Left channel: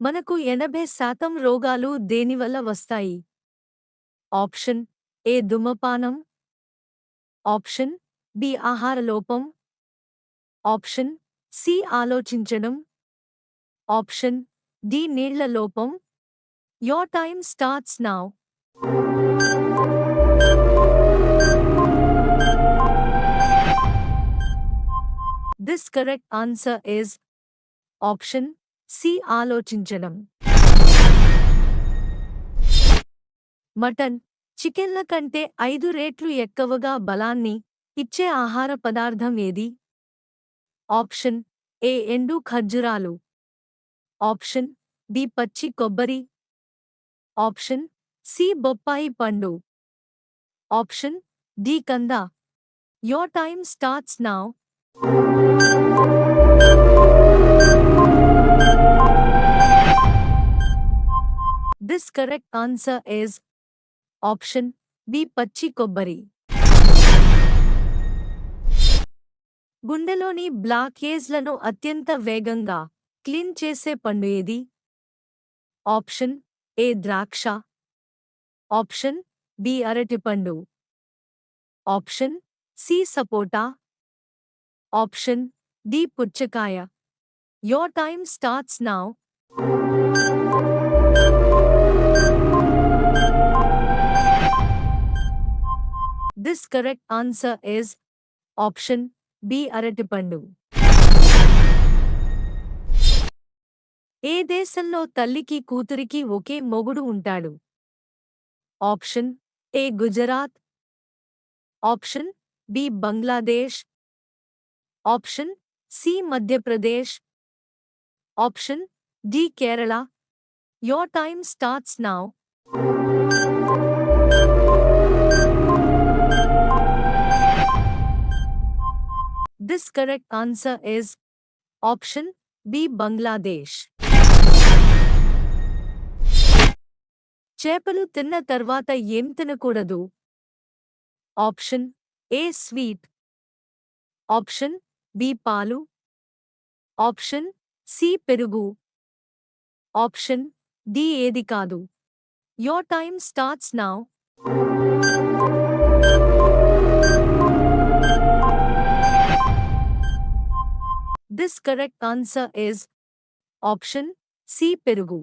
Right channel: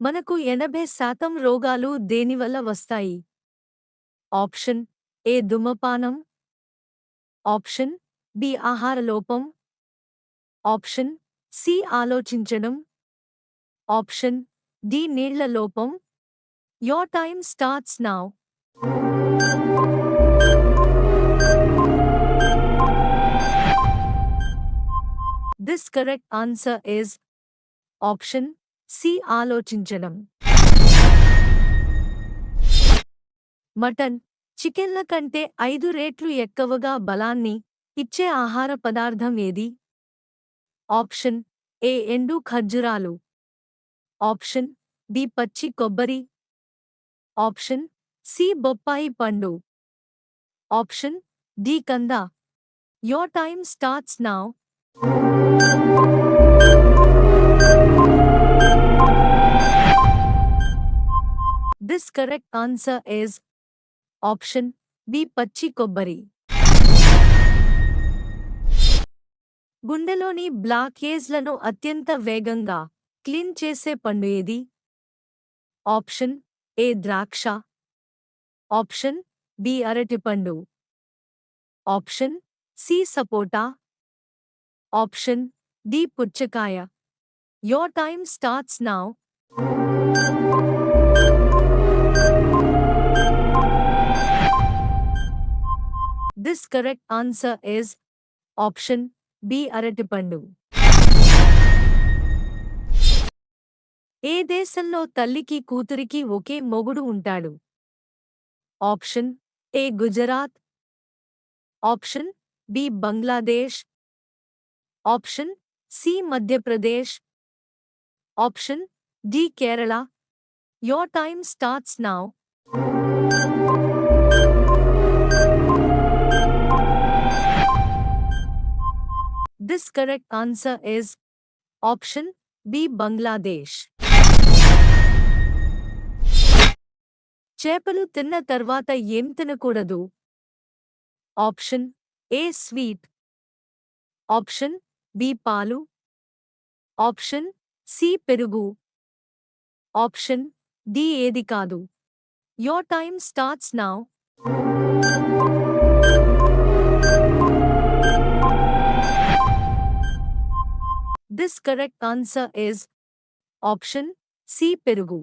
మనకు 80% రోగాలు దేనివల్ల వస్తాయి? ఆప్షన్ ఏ ధూమపానం, ఆప్షన్ బి ఆహార లోపం, ఆప్షన్ సి ఆలోచించడం, ఆప్షన్ డి నీళ్ల లోపం. Your time starts now. This correct answer is option C ఆలోచించడం. మటన్, చికెన్ల కంటే 5 రెట్లు ఎక్కువగా బలాన్ని ఇచ్చే ఆహార పదార్థం ఏది? ఆప్షన్ ఏ ఎండు ఖర్జూరాలు, ఆప్షన్ బి పచ్చి కొబ్బరి, ఆప్షన్ సి బొప్పాయి పండు, ఆప్షన్ డి కంద. Your time starts now. This correct answer is option B పచ్చి కొబ్బరి. గుండెలోని బ్లాకేజ్లను అత్యంత వేగంగా క్లీన్ చేసే పండు ఏది? ఆప్షన్ ఏ ద్రాక్ష, ఆప్షన్ బి అరటిపండు, ఆప్షన్ సి సపోటా, ఆప్షన్ డి పుచ్చకాయ. Your time starts now. This correct answer is option B అరటిపండు. ఏ దేశంలో తల్లికి కూతురికి ఒకే మొగుడు ఉంటాడు? Option A Gujarat, option B Bangladesh, option C Madhya Pradesh, option D Kerala. Your time starts now. This correct answer is option B Bangladesh. చేపలు తిన్న తర్వాత ఏం తినకూడదు? Option A sweet, option B పాలు, ఆప్షన్ సి పెరుగు, ఆప్షన్ డి ఏది కాదు. Your time starts now. This correct answer is option C పెరుగు.